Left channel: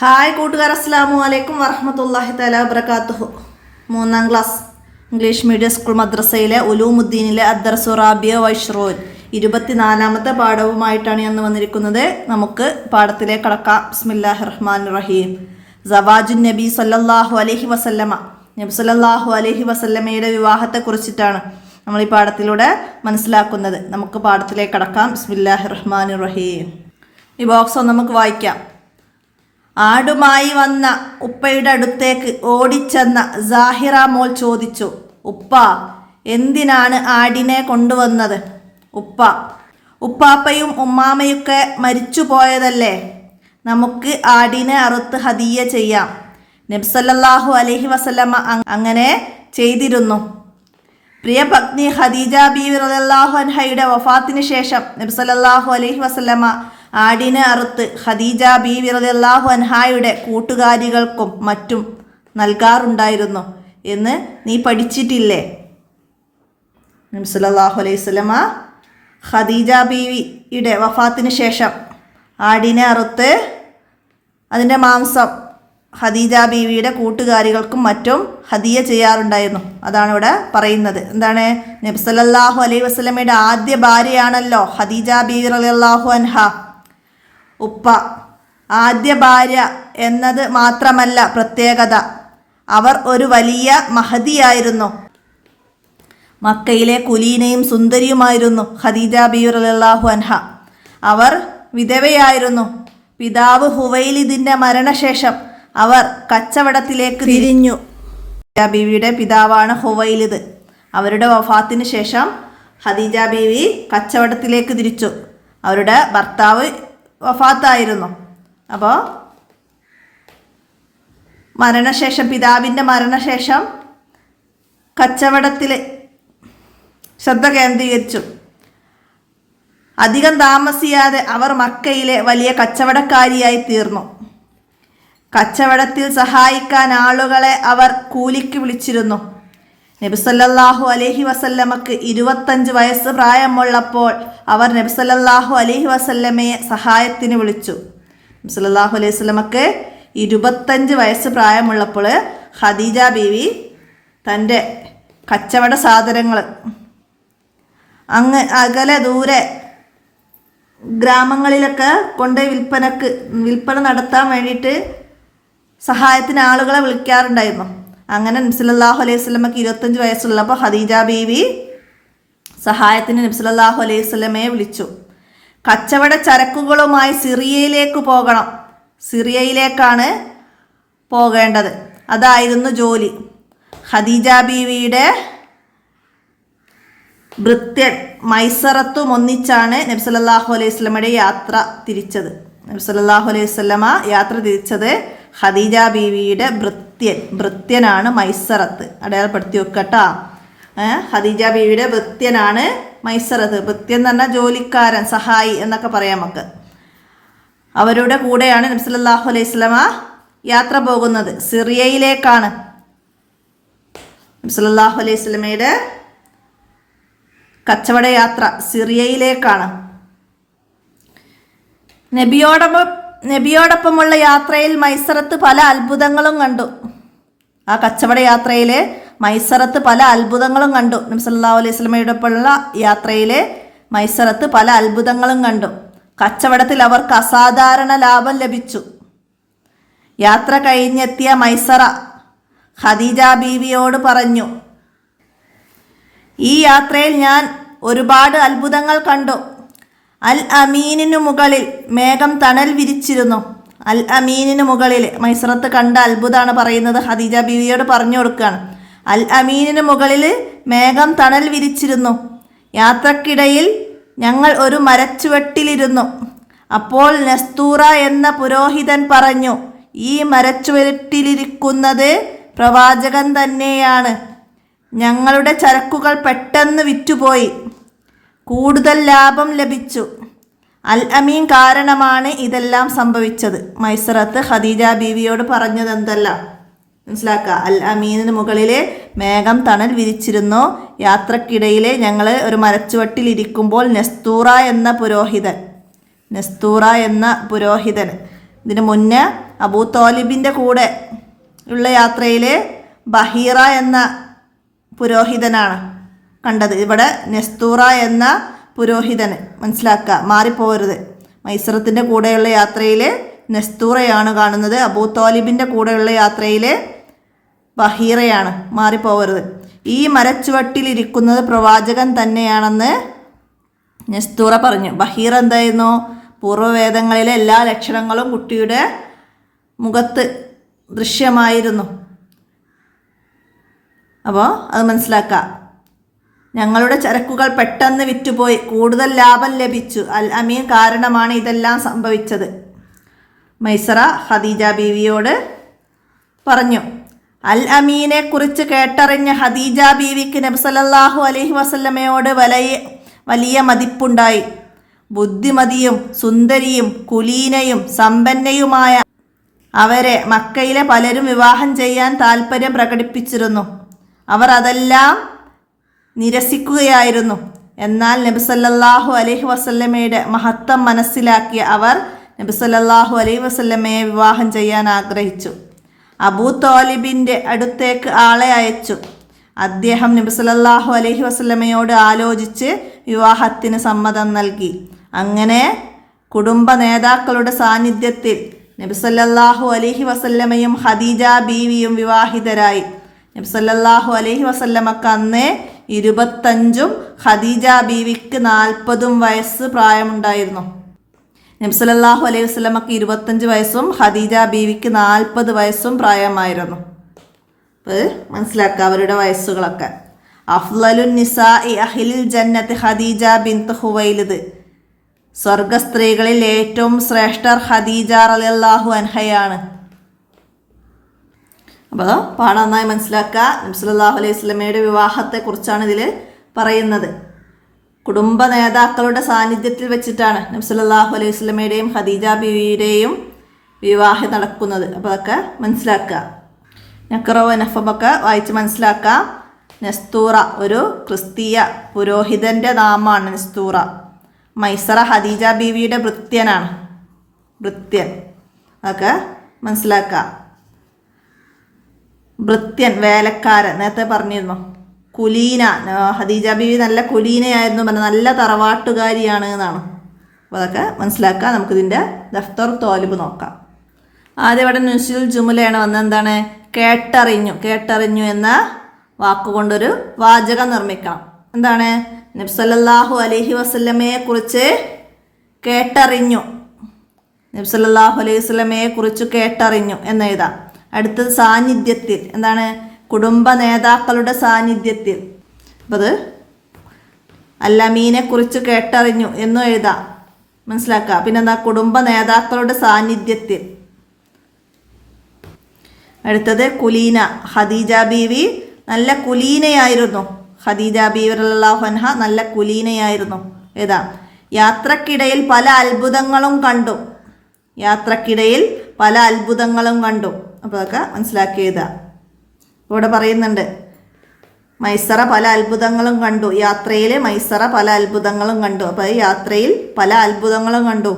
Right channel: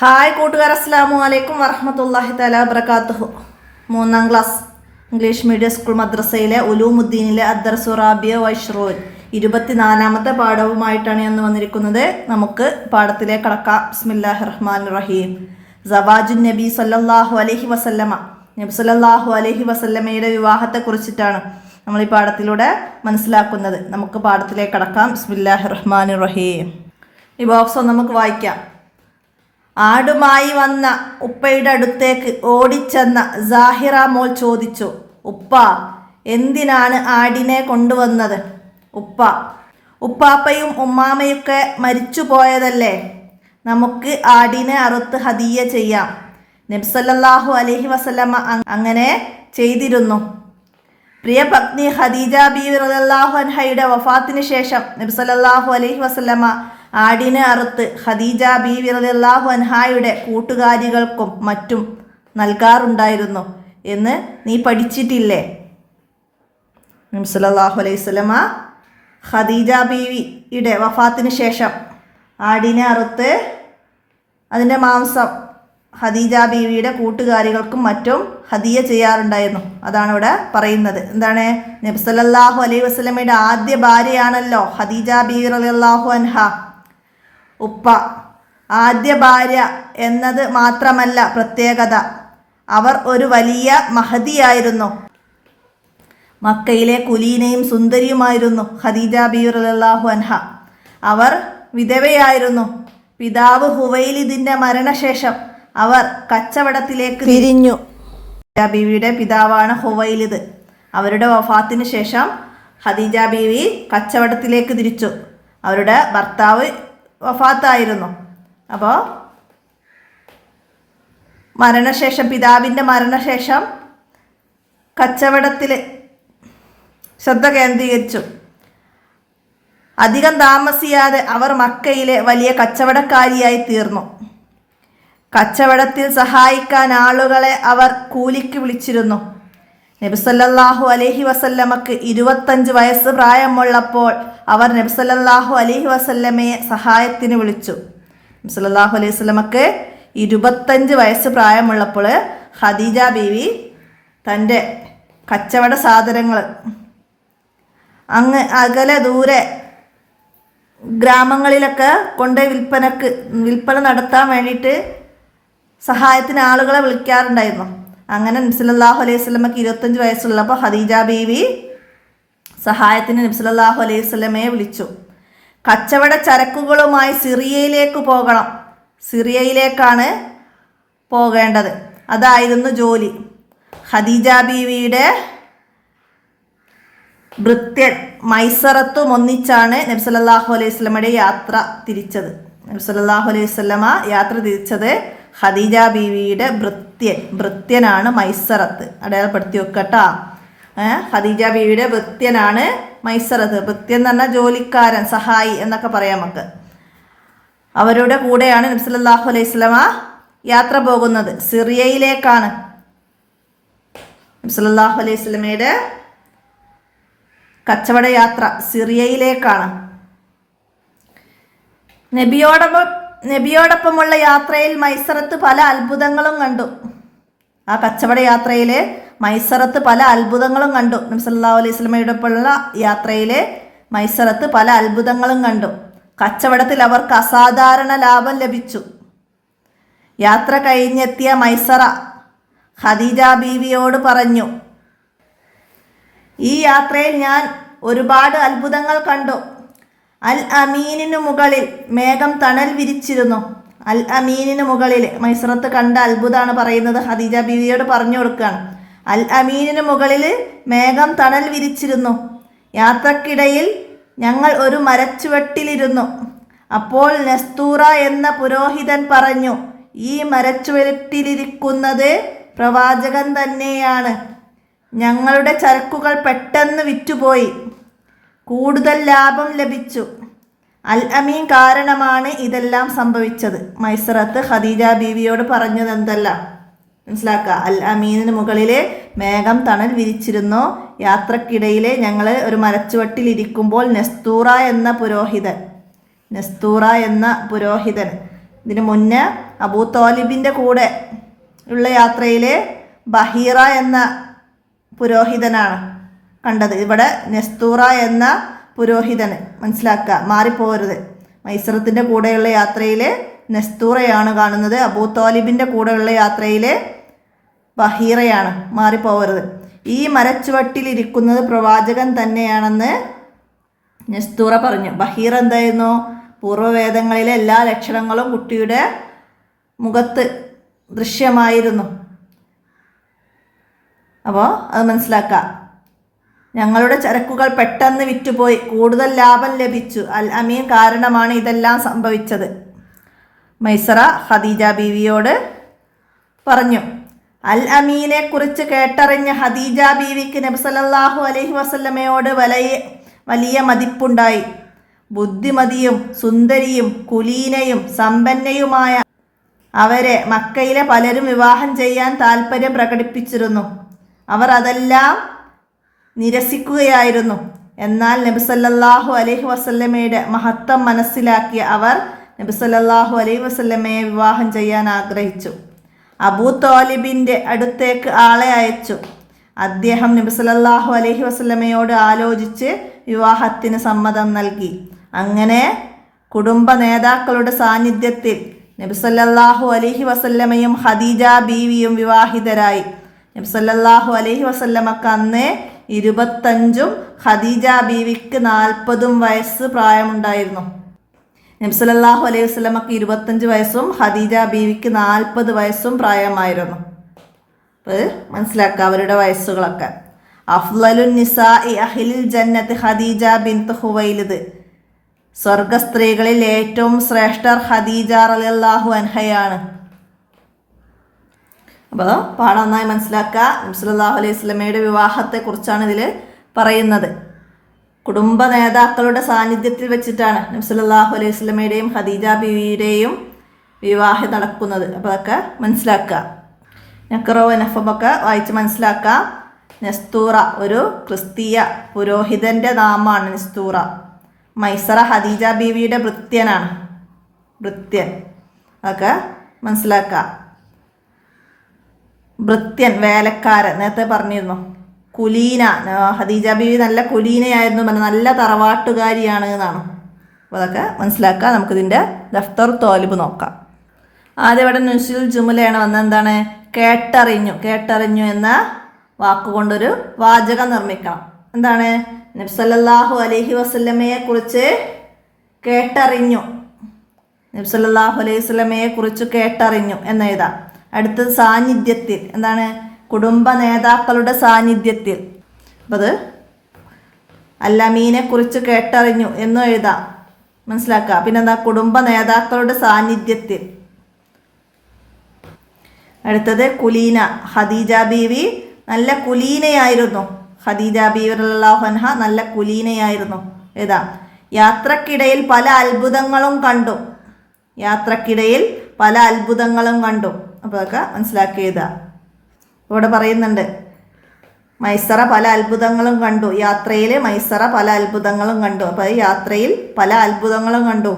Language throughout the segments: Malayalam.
ഹായ് കൂട്ടുകാർ, അസ്സലാമു അലൈക്കും വറഹ്മത്തുള്ളാഹി തആല വബറകാതുഹു. 3ാം ക്ലാസ് ഇംഗ്ലീഷ് മീഡിയം സ്കൂൾ മദ്രസയിലെ ഉലൂമുദ്ദീനിലെ അദ്ദർസു റാബിയ വൈഷ്റൂൻ 24ാമത്തെ പാഠവുമായിട്ടാണ് ഞാൻ വന്നിരിക്കുന്നത്. നമുക്ക് പാഠത്തിലേക്ക് കടക്കാം. ബിസ്മില്ലാഹിർ റഹ്മാനിർ റഹീം. സവാജുൻ നബി സല്ലല്ലാഹു അലൈഹി വസല്ലമ, നബി സല്ലല്ലാഹു അലൈഹി വസല്ലമയുടെ വിവാഹത്തെക്കുറിച്ചിട്ടാണ് നമ്മൾ ഈ പാഠത്തിലൂടെ മനസ്സിലാക്കുന്നത്. നമുക്ക് പാഠത്തിലേക്ക് കടക്കാം. ബിസ്മില്ലാഹിർ റഹ്മാനിർ റഹീം. ഈ ബോക്സ് നമുക്ക് വായിക്കാം. ആടുമായി വന്ന ഉപ്പയുടെ അടുത്തേക്ക് ഓടിച്ചെന്ന സാഹിറ മോൾ ചോദിച്ചു, ഉപ്പ, എന്തിനാണ് ആടിനെ കൊണ്ടുവന്നത്? ഉപ്പാപ്പയും ഉമ്മാമയൊക്കെ മരിച്ചു പോയതല്ലേ, നമുക്ക് ആടിനെ അറുത്ത് ഹദിയ ചെയ്യാം. നബി സല്ലല്ലാഹു അലൈഹി വസല്ലമ അങ്ങനെ ചെയ്തിരുന്നു. പ്രിയ പത്നി ഖദീജ ബീവി റളിയല്ലാഹു അൻഹയുടെ വഫാത്തിന് ശേഷം നബി സല്ലല്ലാഹു അലൈഹി വസല്ലമ ആടിനെ അറുത്ത് ഖദീജ ബീവി റളിയല്ലാഹു അൻഹയുടെ കൂട്ടുകാരികൾക്കും മറ്റും നൽകാറുണ്ടായിരുന്നു എന്ന് നീ പഠിച്ചിട്ടില്ലേ? നബി സല്ലല്ലാഹു അലൈഹി വസല്ലമ ഖദീജ ബീവിയുടെ വഫാത്തിന് ശേഷം ആടിനെ അറുത്ത് അതിൻ്റെ മാംസം ഖദീജ ബീവിയുടെ കൂട്ടുകാരികൾക്കും മറ്റും ഹദിയ ചെയ്യാറുണ്ടായിരുന്നു. അതാണ് ഇവിടെ പറയുന്നത്. എന്താണ്? നബി സല്ലല്ലാഹു അലൈഹി വസല്ലമയുടെ ആദ്യ ഭാര്യയാണല്ലോ ഖദീജ ബീവി റളിയല്ലാഹു അൻഹ. ഉപ്പ ആദ്യ ഭാര്യ എന്നത് മാത്രമല്ല പ്രത്യേകത, അവർ ഒരു വലിയ മഹദിയായിരുന്നു. മക്കയിലെ കുലീനയും സുന്ദരിയുമായിരുന്നു ഖദീജ ബീവി റളിയല്ലാഹു അൻഹ. അവർ വിധവയായിരുന്നു. പിതാവ് ഹുവൈലിദിന്റെ മരണശേഷം അവർ കച്ചവടത്തിലേക്ക് തിരിഞ്ഞു. ബീവിയുടെ പിതാവാണ് ഹുവൈലിദ്. അവരുടെ വഫാത്തിന് ശേഷം ഖദീജ ബീവി കച്ചവടത്തിലേക്ക് തിരിച്ചു. അവരുടെ ഭർത്താവ് വഫാത്തായിരുന്നു. അപ്പോൾ പിതാവിൻ്റെ മരണശേഷം കച്ചവടത്തിൽ ശ്രദ്ധ കേന്ദ്രീകരിച്ചു. അധികം താമസിയാതെ അവർ മക്കയിലെ വലിയ കച്ചവടക്കാരിയായി തീർന്നു. കച്ചവടത്തിൽ സഹായിക്കാൻ ആളുകളെ അവർ കൂലിക്ക് വിളിച്ചിരുന്നു. നബി സല്ലല്ലാഹു അലൈഹി വസല്ലമക്ക് 25 വയസ്സ് പ്രായമുള്ളപ്പോൾ അവർ നബി സല്ലല്ലാഹു അലൈഹി വസല്ലമയെ സഹായത്തിന് വിളിച്ചു. നബി സല്ലല്ലാഹു അലൈഹി വസല്ലമക്ക് 25 വയസ്സ് പ്രായമുള്ളപ്പോൾ ഖദീജ ബീവി തൻ്റെ കച്ചവട സാധനങ്ങൾ അങ്ങ് അകലെ ദൂരെ ഗ്രാമങ്ങളിലൊക്കെ കൊണ്ട് വിൽപ്പന നടത്താൻ വേണ്ടിയിട്ട് സഹായത്തിന് ആളുകളെ വിളിക്കാറുണ്ടായിരുന്നു. അങ്ങനെ നബി സല്ലല്ലാഹു അലൈഹി വസല്ലമക്ക് 25 വയസ്സുള്ളപ്പോൾ ഖദീജ ബീവി സഹായത്തിന് നബി സല്ലല്ലാഹു അലൈഹി വസല്ലമയെ വിളിച്ചു. കച്ചവട ചരക്കുകളുമായി സിറിയയിലേക്ക് പോകണം. സിറിയയിലേക്കാണ് പോകേണ്ടത്. അതായിരുന്നു ജോലി. ഖദീജ ബീവിയുടെ ഭൃത്യൻ മൈസറത്തും ഒന്നിച്ചാണ് നബി സല്ലല്ലാഹു അലൈഹി വസല്ലമയുടെ യാത്ര തിരിച്ചത്. നബി സല്ലല്ലാഹു അലൈഹി വസല്ലമ യാത്ര തിരിച്ചത് ഖദീജ ബീവിയുടെ ഭൃത്യനാണ് മൈസറത്ത്. അടയാളപ്പെടുത്തി വെക്കട്ടാ. ഖദീജ ബീവിയുടെ ഭൃത്യനാണ് മൈസറത്ത്. ഭൃത്യൻ എന്ന് പറഞ്ഞാൽ ജോലിക്കാരൻ, സഹായി എന്നൊക്കെ പറയാം നമുക്ക്. അവരുടെ കൂടെയാണ് നബി സല്ലല്ലാഹു അലൈഹി വസല്ലമ യാത്ര പോകുന്നത്. സിറിയയിലേക്കാണ്. നബി സല്ലല്ലാഹു അലൈഹി വസല്ലമയുടെ കച്ചവട യാത്ര സിറിയയിലേക്കാണ്. നബിയോടൊപ്പമുള്ള യാത്രയിൽ മൈസറത്ത് പല അത്ഭുതങ്ങളും കണ്ടു. ആ കച്ചവട യാത്രയിൽ മൈസറത്ത് പല അത്ഭുതങ്ങളും കണ്ടു. നബി സല്ലല്ലാഹു അലൈഹി വസല്ലമയോടൊപ്പമുള്ള യാത്രയിൽ മൈസറത്ത് പല അത്ഭുതങ്ങളും കണ്ടു. കച്ചവടത്തിൽ അവർക്ക് അസാധാരണ ലാഭം ലഭിച്ചു. യാത്ര കഴിഞ്ഞെത്തിയ മൈസറ ഖദീജ ബീവിയോട് പറഞ്ഞു, ഈ യാത്രയിൽ ഞാൻ ഒരുപാട് അത്ഭുതങ്ങൾ കണ്ടു. അൽ അമീനിനു മുകളിൽ മേഘം തണൽ വിരിച്ചിരുന്നു. അൽ അമീനിന് മുകളിൽ മൈസറത്ത് കണ്ട അത്ഭുതമാണ് പറയുന്നത്. ഖദീജ ബീവിയോട് പറഞ്ഞു കൊടുക്കുകയാണ്. അൽ അമീനിന് മുകളിൽ മേഘം തണൽ വിരിച്ചിരുന്നു. യാത്രക്കിടയിൽ ഞങ്ങൾ ഒരു മരച്ചുവട്ടിലിരുന്നു. അപ്പോൾ നസ്തൂറ എന്ന പുരോഹിതൻ പറഞ്ഞു, ഈ മരച്ചുവട്ടിലിരിക്കുന്നത് പ്രവാചകൻ തന്നെയാണ്. ഞങ്ങളുടെ ചരക്കുകൾ പെട്ടെന്ന് വിറ്റുപോയി. കൂടുതൽ ലാഭം ലഭിച്ചു. അൽ അമീൻ കാരണമാണ് ഇതെല്ലാം സംഭവിച്ചത്. മൈസറത്ത് ഖദീജ ബീവിയോട് പറഞ്ഞത് എന്തല്ല മനസ്സിലാക്കുക. അൽ അമീനിന് മുകളിൽ മേഘം തണൽ വിരിച്ചിരുന്നു. യാത്രക്കിടയിൽ ഞങ്ങൾ ഒരു മരച്ചുവട്ടിലിരിക്കുമ്പോൾ നസ്തൂറ എന്ന പുരോഹിതൻ ഇതിന് മുന്നേ അബൂ തോലിബിൻ്റെ കൂടെ ഉള്ള യാത്രയിൽ ബഹീറ എന്ന പുരോഹിതനാണ് കണ്ടത്. ഇവിടെ നെസ്തൂറ എന്ന പുരോഹിതന്, മനസ്സിലാക്കുക, മാറിപ്പോകരുത്. മൈസറത്തിൻ്റെ കൂടെയുള്ള യാത്രയിൽ നെസ്തൂറയാണ് കാണുന്നത്, അബൂ തോലിബിൻ്റെ കൂടെയുള്ള യാത്രയിൽ ബഹീറയാണ്, മാറിപ്പോകരുത്. ഈ മരച്ചുവട്ടിലിരിക്കുന്നത് പ്രവാചകൻ തന്നെയാണെന്ന് നെസ്തൂറ പറഞ്ഞു. ബഹീറ എന്തായിരുന്നു? പൂർവ്വവേദങ്ങളിലെ എല്ലാ ലക്ഷണങ്ങളും കുട്ടിയുടെ മുഖത്ത് ദൃശ്യമായിരുന്നു. അപ്പോൾ അത് മനസ്സിലാക്കുക. ഞങ്ങളുടെ ചരക്കുകൾ പെട്ടെന്ന് വിറ്റുപോയി, കൂടുതൽ ലാഭം ലഭിച്ചു. അൽ അമീൻ കാരണമാണ് ഇതെല്ലാം സംഭവിച്ചത്. മൈസറ ഖദീജ ബീവിയോട് പറഞ്ഞു. അൽ അമീനെ കുറിച്ച് കേട്ടറിഞ്ഞ ഖദീജ ബീവിക്ക് നബി സല്ലല്ലാഹു അലൈഹി വസല്ലമയോട് വലിയ മതിപ്പുണ്ടായി. ബുദ്ധിമതിയും സുന്ദരിയും കുലീനയും സമ്പന്നയുമായ അവരെ മക്കയിലെ പലരും വിവാഹം ചെയ്യാൻ താൽപ്പര്യം പ്രകടിപ്പിച്ചിരുന്നു. അവർ അതെല്ലാം നിരസിക്കുകയായിരുന്നു. എന്നാൽ നബി സല്ലല്ലാഹു അലൈഹി വസല്ലമയുടെ മഹത്വം മനസ്സിലാക്കിയ അവർ നബി സല്ലല്ലാഹു അലൈഹി വസല്ലമയെ വിവാഹം ചെയ്യാൻ ആഗ്രഹിച്ചു. അബൂ തോലിബിൻ്റെ അടുത്തേക്ക് ആളെ അയച്ചു. അദ്ദേഹം നബി സല്ലല്ലാഹു അലൈഹി വസല്ലമയോട് ആലോചിച്ച് വിവാഹത്തിന് സമ്മതം നൽകി. അങ്ങനെ കുടുംബ നേതാക്കളുടെ സാന്നിധ്യത്തിൽ നബി സല്ലല്ലാഹു അലൈഹി വസല്ലമയും ഖദീജ ബീവിയും വിവാഹിതരായി. നബി സല്ലല്ലാഹു അലൈഹി വസല്ലമക്ക് അന്ന് 25 ഖദീജ ബീവിക്ക് 40 വയസ്സ് പ്രായമുണ്ടായിരുന്നു. നബി സല്ലല്ലാഹു അലൈഹി വസല്ലമക്ക് 25 വയസ്സും ഖദീജ ബീവിക്ക് 40 വയസ്സും പ്രായമായിരുന്നു. അപ്പോൾ മനസ്സിലാക്കുക അവരുടെ വയസ്സുകളൊക്കെ. അഫ്ളലുൻ നിസാഇ അഹ്ലിൽ ജന്നത്ത് ഖദീജ ബിൻത് ഖുവൈലിദ്. സ്വർഗസ്ത്രീകളിൽ ഏറ്റവും ശ്രേഷ്ഠർ ഖദീജ റളിയല്ലാഹു അൻഹയാണ്. അപ്പോൾ പാഠം നന്നായി മനസ്സിലാക്കുക. നബി സല്ലല്ലാഹു അലൈഹി വസല്ലമയുടെ വിവാഹത്തെക്കുറിച്ചാണ് ഇതിൽ പറയുന്നത്. കുടുംബ നേതാക്കളുടെ സാന്നിധ്യത്തിൽ വെച്ചിട്ടാണ് നബി സല്ലല്ലാഹു അലൈഹി വസല്ലമയുടെയും ഖദീജ ബീവിയുടെയും വിവാഹം നടക്കുന്നത്. അപ്പോൾ അതൊക്കെ മനസ്സിലാക്കുക. നഖറോ നഫബൊക്കെ വായിച്ച് മനസ്സിലാക്കുക. നെസ്തൂറ ഒരു ക്രിസ്തീയ പുരോഹിതൻ്റെ നാമമാണ് നെസ്തൂറ. മൈസറ ഖദീജ ബീവിയുടെ ഭൃത്യനാണ്, ഭൃത്യൻ. അതൊക്കെ മനസ്സിലാക്കുക. ഭൃത്യൻ വേലക്കാരൻ നേരത്തെ പറഞ്ഞിരുന്നു. കുലീന ഖദീജ ബീവി നല്ല കുലീനയായിരുന്നു, നല്ല തറവാട്ടുകാരിയാണ് എന്നാണ്. അപ്പോൾ അതൊക്കെ മനസ്സിലാക്കുക. നമുക്കിതിൻ്റെ ദഫ്തർ തോലിബ് നോക്കാം. ആദ്യം ഇവിടെ നുസ്ലുൽ ജുമുലയാണ് വന്നത്. എന്താണ്? കേട്ടറിഞ്ഞു. കേട്ടറിഞ്ഞു എന്ന വാക്കുകൊണ്ടൊരു വാചകം നിർമ്മിക്കണം. എന്താണ്? നബി സല്ലല്ലാഹു അലൈഹി വസല്ലമയെ കുറിച്ച് കേട്ടറിഞ്ഞു. നബി സല്ലല്ലാഹു അലൈഹി വസല്ലമയെ കുറിച്ച് കേട്ടറിഞ്ഞു എന്നെഴുതാം. അടുത്തത് സാന്നിധ്യത്തിൽ. എന്താണ്? കുടുംബ നേതാക്കളുടെ സാന്നിധ്യത്തിൽ. അപ്പോൾ അത് അൽ അമീനെ കുറിച്ച് കേട്ടറിഞ്ഞു എന്നും എഴുതാം, മനസ്സിലാക്കുക. പിന്നെന്താ? കുടുംബ നേതാക്കളുടെ സാന്നിധ്യത്തിൽ. അടുത്തത് കുലീന. ഖദീജ ബീവി നല്ല കുലീനയായിരുന്നു. ഖദീജ ബീവി റളിയല്ലാഹു അൻഹ നല്ല കുലീനയായിരുന്നു. ഏതാ? യാത്രക്കിടയിൽ പല അത്ഭുതങ്ങളും കണ്ടു. യാത്രക്കിടയിൽ പല അത്ഭുതങ്ങളും കണ്ടു. അപ്പോൾ അതൊക്കെ മനസ്സിലാക്കിയതാ. ഇവിടെ പറയുന്നുണ്ട് മൈസറ പല അത്ഭുതങ്ങളും കണ്ടു. യാത്രയിൽ മൈസറ പല അത്ഭുതങ്ങളും കണ്ടു. അപ്പോൾ യാത്രയിൽ പല അത്ഭുതങ്ങളും കണ്ടു,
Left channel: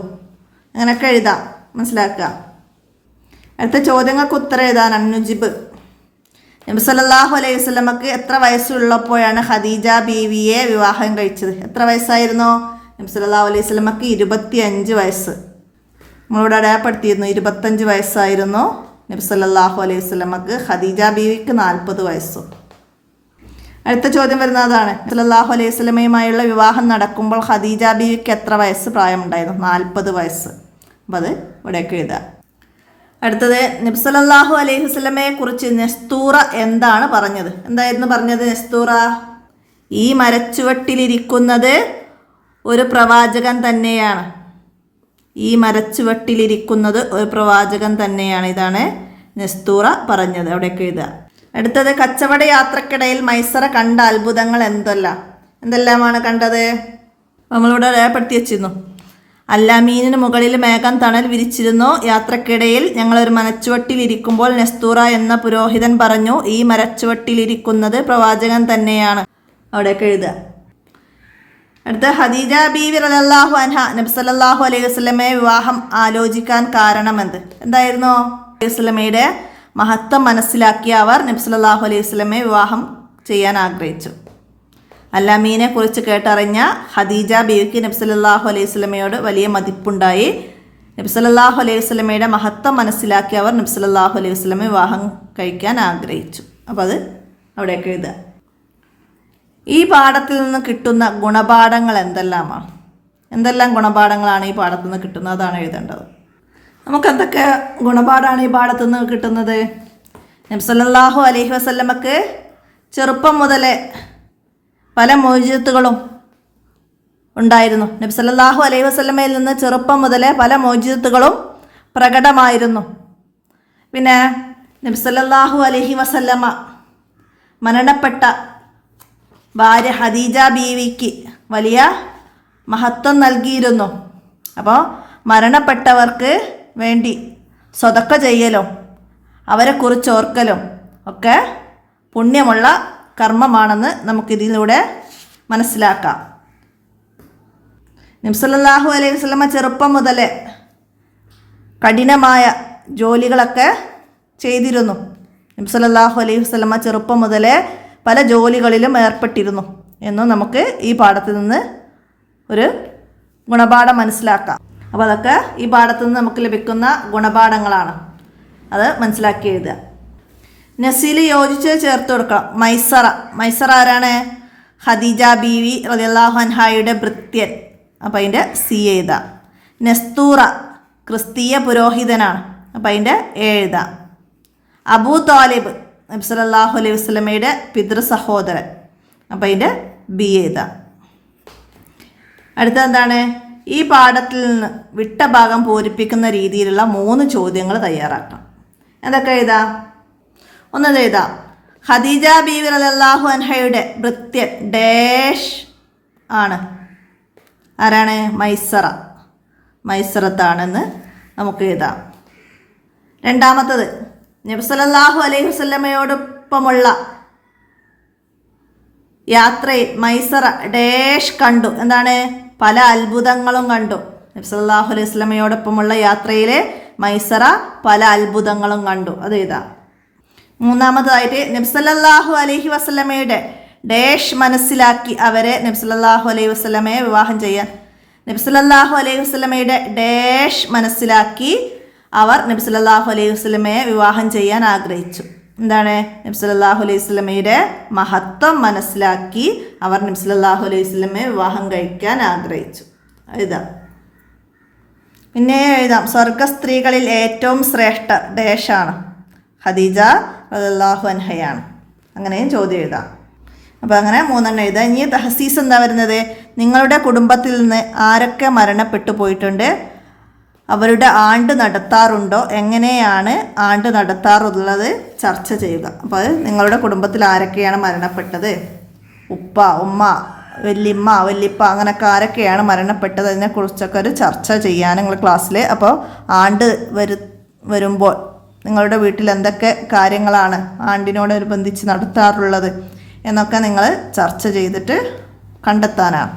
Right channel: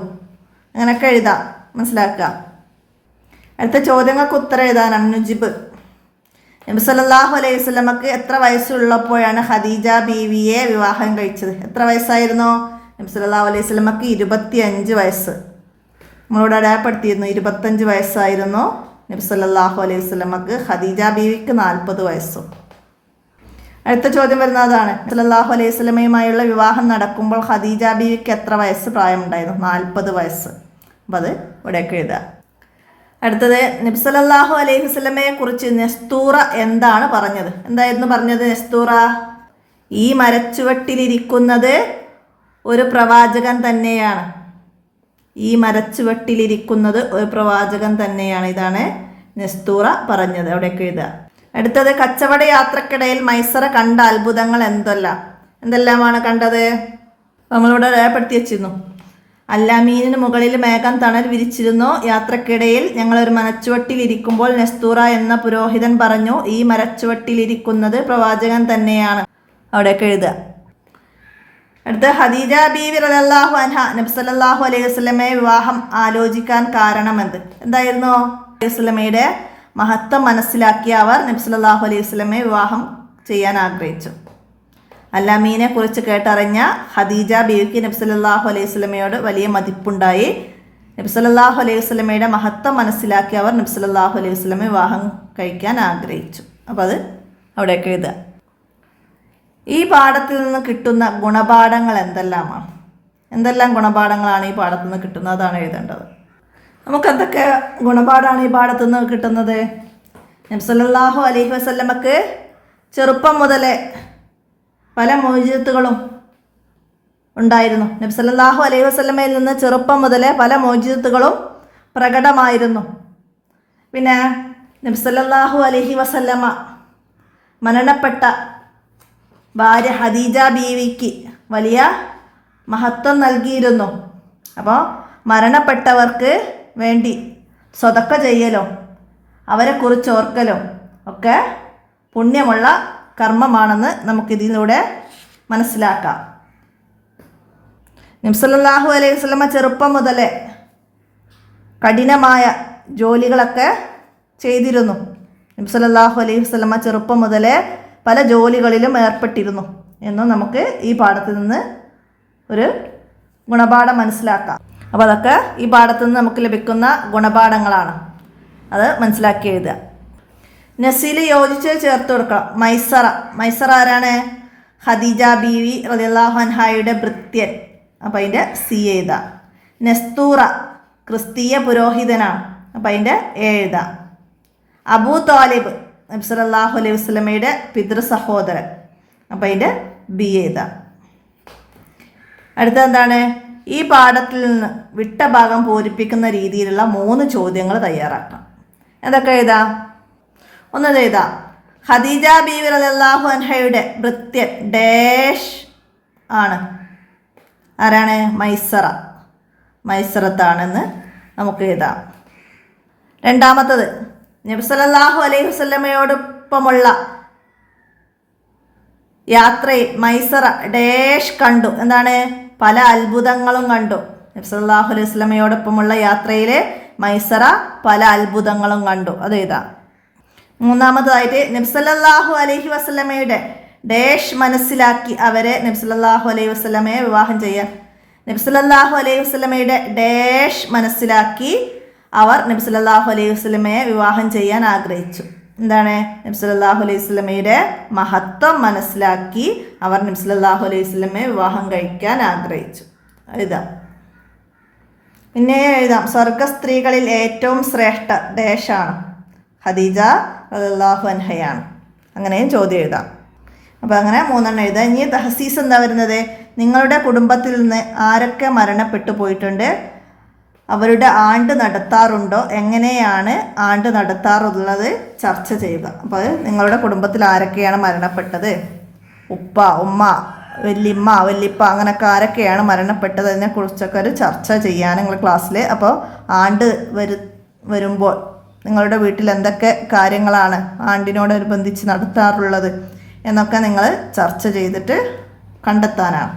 അങ്ങനെയൊക്കെ എഴുതാം, മനസ്സിലാക്കുക. അടുത്ത ചോദ്യങ്ങൾക്ക് ഉത്തരം എഴുതാനാണ്. നുജിബ്. നബി സല്ലല്ലാഹു അലൈഹി വസല്ലമക്ക് എത്ര വയസ്സുള്ളപ്പോഴാണ് ഖദീജ ബീവിയെ വിവാഹം കഴിച്ചത്? എത്ര വയസ്സായിരുന്നു? നബി സല്ലല്ലാഹു അലൈഹി വസല്ലമക്ക് 25 വയസ്സ്. നമ്മളിവിടെ അടയാളപ്പെടുത്തിയിരുന്നു 25 വയസ്സായിരുന്നു നബി സല്ലല്ലാഹു അലൈഹി വസല്ലമക്ക്. ഖദീജ ബീവിക്ക് 40 വയസ്സും. അടുത്ത ചോദ്യം വരുന്നത് അതാണ്. സല്ലല്ലാഹു അലൈഹി വസല്ലമയുമായുള്ള വിവാഹം നടക്കുമ്പോൾ ഖദീജ ബീവിക്ക് എത്ര വയസ്സ് പ്രായമുണ്ടായിരുന്നു? 40 വയസ്സ്. അപ്പോൾ അത് ഇവിടെയൊക്കെ എഴുതുക. അടുത്തത് നബി സല്ലല്ലാഹു അലൈഹി വസല്ലമയെ കുറിച്ച് നെസ്തൂറ എന്താണ് പറഞ്ഞത്? എന്തായിരുന്നു പറഞ്ഞത് നെസ്തൂറ? ഈ മരച്ചുവട്ടിലിരിക്കുന്നത് ഒരു പ്രവാചകൻ തന്നെയാണ്. ഈ മരച്ചുവട്ടിലിരിക്കുന്നത് ഒരു പ്രവാചകൻ തന്നെയാണ്. ഇതാണ് നെസ്തൂറ പറഞ്ഞത്. അവിടെയൊക്കെ എഴുതുക. അടുത്തത് കച്ചവട യാത്രക്കിടയിൽ മൈസറ കണ്ട അത്ഭുതങ്ങൾ എന്തെല്ലാമാണ് കണ്ടത്? നമ്മളിവിടെ രേഖപ്പെടുത്തി വെച്ചിരുന്നു. അൽ അമീനിന് മുകളിൽ മേഘം തണൽ വിരിച്ചിരുന്നു. യാത്രക്കിടയിൽ ഞങ്ങളൊരു മരച്ചുവട്ടിലിരിക്കുമ്പോൾ നെസ്തൂറ എന്ന പുരോഹിതൻ പറഞ്ഞു, ഈ മരച്ചുവട്ടിലിരിക്കുന്നത് പ്രവാചകൻ തന്നെയാണ്. അവിടെയൊക്കെ എഴുതുക. അടുത്ത ഖദീജ ബീവി റളിയല്ലാഹു അൻഹ നബി സല്ലല്ലാഹു അലൈഹി വസല്ലമയെ വിവാഹം ആലോചിക്കാൻ കാരണമെന്ത്? എന്തായിരുന്നു? അലൈഹി വസല്ലമയുടെ മഹത്വം മനസ്സിലാക്കിയ അവർ നബി സല്ലല്ലാഹു അലൈഹി വസല്ലമയെ വിവാഹം ചെയ്യാൻ ആഗ്രഹിച്ചു. അല്ലാമീനെ കുറിച്ച് കേട്ടറിഞ്ഞ ഖദീജ ബീവിക്ക് നബി സല്ലല്ലാഹു അലൈഹി വസല്ലമയോട് വലിയ മതിപ്പുണ്ടായി. നബി സല്ലല്ലാഹു അലൈഹി വസല്ലമയുടെ മഹത്വം മനസ്സിലാക്കിയ അവർ നബി സല്ലല്ലാഹു അലൈഹി വസല്ലമയെ വിവാഹം കഴിക്കാൻ ആഗ്രഹിച്ചു. അപ്പോൾ അത് അവിടേക്ക് എഴുതുക. ഈ പാഠത്തിൽ നിന്ന് കിട്ടുന്ന ഗുണപാഠങ്ങൾ എന്തെല്ലാമാണ്? എന്തെല്ലാം ഗുണപാഠങ്ങളാണ് ഈ പാഠത്തിൽ നിന്ന് കിട്ടുന്നത്? അതാണ് എഴുതേണ്ടത്. നമുക്ക് എന്തൊക്കെ ഗുണപാഠമാണ് ഈ പാഠത്തിൽ നിന്ന് കിട്ടുന്നത്? നബി സല്ലല്ലാഹു അലൈഹി വസല്ലമക്ക് ചെറുപ്പം മുതലേ പല മോചിതത്തുകളും ഉണ്ടായിരുന്നു. നബി സല്ലല്ലാഹു അലൈഹി വസല്ലമയിൽ നിന്ന് ചെറുപ്പം മുതലേ പല മോചിതത്തുകളും പ്രകടമായിരുന്നു. പിന്നെ നബി സല്ലല്ലാഹു അലൈഹി വസല്ലമ മരണപ്പെട്ട ഭാര്യ ഖദീജ ബീവിക്ക് വലിയ മഹത്വം നൽകിയിരുന്നു. അപ്പോൾ മരണപ്പെട്ടവർക്ക് വേണ്ടി സ്വതക്ക ചെയ്യലും അവരെക്കുറിച്ച് ഓർക്കലും ഒക്കെ പുണ്യമുള്ള കർമ്മമാണെന്ന് നമുക്കിതിലൂടെ മനസ്സിലാക്കാം. നബി സല്ലല്ലാഹു അലൈഹി വസല്ലമ ചെറുപ്പം മുതലേ കഠിനമായ ജോലികളൊക്കെ ചെയ്തിരുന്നു. നബി സല്ലല്ലാഹു അലൈഹി വസല്ലമ ചെറുപ്പം മുതലേ പല ജോലികളിലും ഏർപ്പെട്ടിരുന്നു എന്നും നമുക്ക് ഈ പാഠത്തിൽ നിന്ന് ഒരു ഗുണപാഠം മനസ്സിലാക്കാം. അപ്പോൾ അതൊക്കെ ഈ പാഠത്തിൽ നിന്ന് നമുക്ക് ലഭിക്കുന്ന ഗുണപാഠങ്ങളാണ്. അത് മനസ്സിലാക്കി എഴുതുക. നസീൽ യോജിച്ച് ചേർത്ത് കൊടുക്കണം. മൈസറ ആരാണ്? ഖദീജ ബീവി റളിയല്ലാഹു അൻഹയുടെ ഭൃത്യൻ. അപ്പോൾ അതിൻ്റെ സി എഴുതുക. നസ്തൂറ ക്രിസ്തീയ പുരോഹിതനാണ്. അപ്പോൾ അതിൻ്റെ എഴുതുക. അബൂ താലിബ് നബി സല്ലല്ലാഹു അലൈഹി വസല്ലമയുടെ പിതൃ സഹോദരൻ. അപ്പോൾ അതിൻ്റെ ബി എഴുതാം. അടുത്ത എന്താണ്? ഈ പാഠത്തിൽ നിന്ന് വിട്ട ഭാഗം പൂരിപ്പിക്കുന്ന രീതിയിലുള്ള 3 ചോദ്യങ്ങൾ തയ്യാറാക്കണം. എന്തൊക്കെ എഴുതാം? ഒന്നത് എഴുതാം. ഖദീജ ബീവി റളിയല്ലാഹു അൻഹയുടെ ഭൃത്യൻ ഡാഷ് ആണ്. ആരാണ്? മൈസറത്താണെന്ന് നമുക്ക് എഴുതാം. രണ്ടാമത്തത്, നബി സല്ലല്ലാഹു അലൈഹി വസല്ലമയോടൊപ്പമുള്ള യാത്രയിൽ മൈസറ ഡാഷ് കണ്ടു. എന്താണ്? പല അത്ഭുതങ്ങളും കണ്ടു. നബി സല്ലല്ലാഹു അലൈഹി വസല്ലമയോടൊപ്പമുള്ള യാത്രയിൽ മൈസറ പല അത്ഭുതങ്ങളും കണ്ടു. അത് എഴുതാം. മൂന്നാമതായിട്ട് നബി സല്ലല്ലാഹു അലൈഹി വസല്ലമയുടെ ഡാഷ് മനസ്സിലാക്കി അവരെ നബി സല്ലല്ലാഹു അലൈഹി വസല്ലമയെ വിവാഹം ചെയ്യാൻ. നബി സല്ലല്ലാഹു അലൈഹി വസല്ലമയുടെ ഡാഷ് മനസ്സിലാക്കി അവർ നബി സല്ലല്ലാഹു അലൈഹി വസല്ലമയെ വിവാഹം ചെയ്യാൻ ആഗ്രഹിച്ചു. എന്താണ്? നബി സല്ലല്ലാഹു അലൈഹി വസല്ലമയുടെ മഹത്വം മനസ്സിലാക്കി അവർ നബി സല്ലല്ലാഹു അലൈഹി വസല്ലമയെ വിവാഹം കഴിക്കാൻ ആഗ്രഹിച്ചു. എഴുതാം. പിന്നെ എഴുതാം. സ്വർഗ സ്ത്രീകളിൽ ഏറ്റവും ശ്രേഷ്ഠ ഡാഷാണ്? ഖദീജ റളിയല്ലാഹു അൻഹയാണ്. അങ്ങനെയും ചോദ്യം എഴുതാം. അപ്പോൾ അങ്ങനെ 3 എഴുതാം. ഇനി തഹസീസ് എന്താ വരുന്നത്? നിങ്ങളുടെ കുടുംബത്തിൽ നിന്ന് ആരൊക്കെ മരണപ്പെട്ടു പോയിട്ടുണ്ട്? അവരുടെ ആണ്ട് നടത്താറുണ്ടോ? എങ്ങനെയാണ് ആണ്ട് നടത്താറുള്ളത്? ചർച്ച ചെയ്യുക. അപ്പോൾ നിങ്ങളുടെ കുടുംബത്തിൽ ആരൊക്കെയാണ് മരണപ്പെട്ടത്? ഉപ്പ, ഉമ്മ, വല്യപ്പ അങ്ങനെയൊക്കെ ആരൊക്കെയാണ് മരണപ്പെട്ടത്? അതിനെക്കുറിച്ചൊക്കെ ഒരു ചർച്ച ചെയ്യാൻ നിങ്ങൾ ക്ലാസ്സിൽ. അപ്പോൾ ആണ്ട് വരുമ്പോൾ നിങ്ങളുടെ വീട്ടിൽ എന്തൊക്കെ കാര്യങ്ങളാണ് ആണ്ടിനോടനുബന്ധിച്ച് നടത്താറുള്ളത് എന്നൊക്കെ നിങ്ങൾ ചർച്ച ചെയ്തിട്ട് കണ്ടെത്താനാണ്.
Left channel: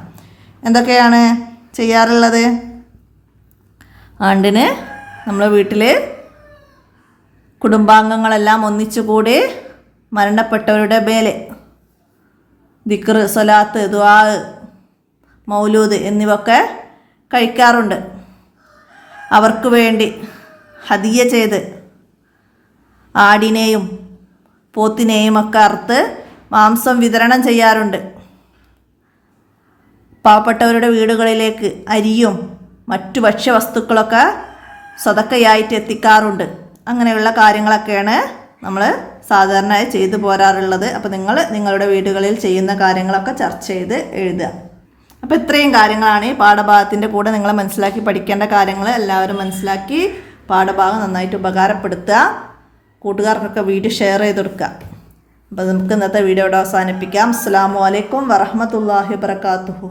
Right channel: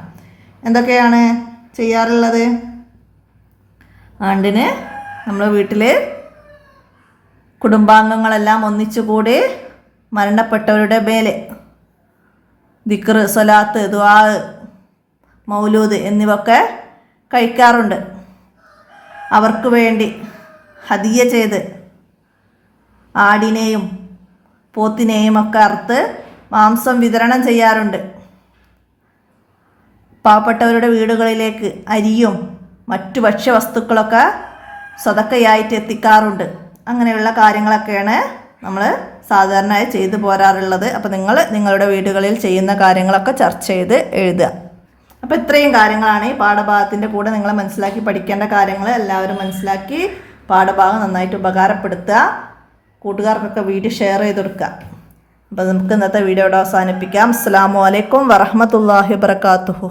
എന്തൊക്കെയാണ് ചെയ്യാറുള്ളത്? ആണ്ടിന് നമ്മൾ വീട്ടിൽ കുടുംബാംഗങ്ങളെല്ലാം ഒന്നിച്ചുകൂടി മരണപ്പെട്ടവരുടെ മേലെ ദിക്ർ, സ്വലാത്ത്, ദുആ, മൗലൂദ് എന്നിവയൊക്കെ കഴിക്കാറുണ്ട്. അവർക്ക് വേണ്ടി ഹദിയ ചെയ്ത് ആടിനെയും പോത്തിനെയും ഒക്കെ അറുത്ത് മാംസം വിതരണം ചെയ്യാറുണ്ട്. പാവപ്പെട്ടവരുടെ വീടുകളിലേക്ക് അരിയും മറ്റു ഭക്ഷ്യവസ്തുക്കളൊക്കെ സ്വതക്കയായിട്ട് എത്തിക്കാറുണ്ട്. അങ്ങനെയുള്ള കാര്യങ്ങളൊക്കെയാണ് നമ്മൾ സാധാരണയായി ചെയ്തു പോരാറുള്ളത്. അപ്പോൾ നിങ്ങൾ നിങ്ങളുടെ വീടുകളിൽ ചെയ്യുന്ന കാര്യങ്ങളൊക്കെ ചർച്ച ചെയ്ത് എഴുതുക. അപ്പോൾ ഇത്രയും കാര്യങ്ങളാണ് ഈ പാഠഭാഗത്തിൻ്റെ കൂടെ നിങ്ങൾ മനസ്സിലാക്കി പഠിക്കേണ്ട കാര്യങ്ങൾ. എല്ലാവരും മനസ്സിലാക്കി പാഠഭാഗം നന്നായിട്ട് ഉപകാരപ്പെടുത്തുക. കൂട്ടുകാർക്കൊക്കെ വീഡിയോ ഷെയർ ചെയ്ത് കൊടുക്കുക. അപ്പോൾ നമുക്ക് ഇന്നത്തെ വീഡിയോ ഇവിടെ അവസാനിപ്പിക്കാം. അസ്സലാമു അലൈക്കും വറഹ്മത്തുള്ളാഹി വബറകാതുഹു.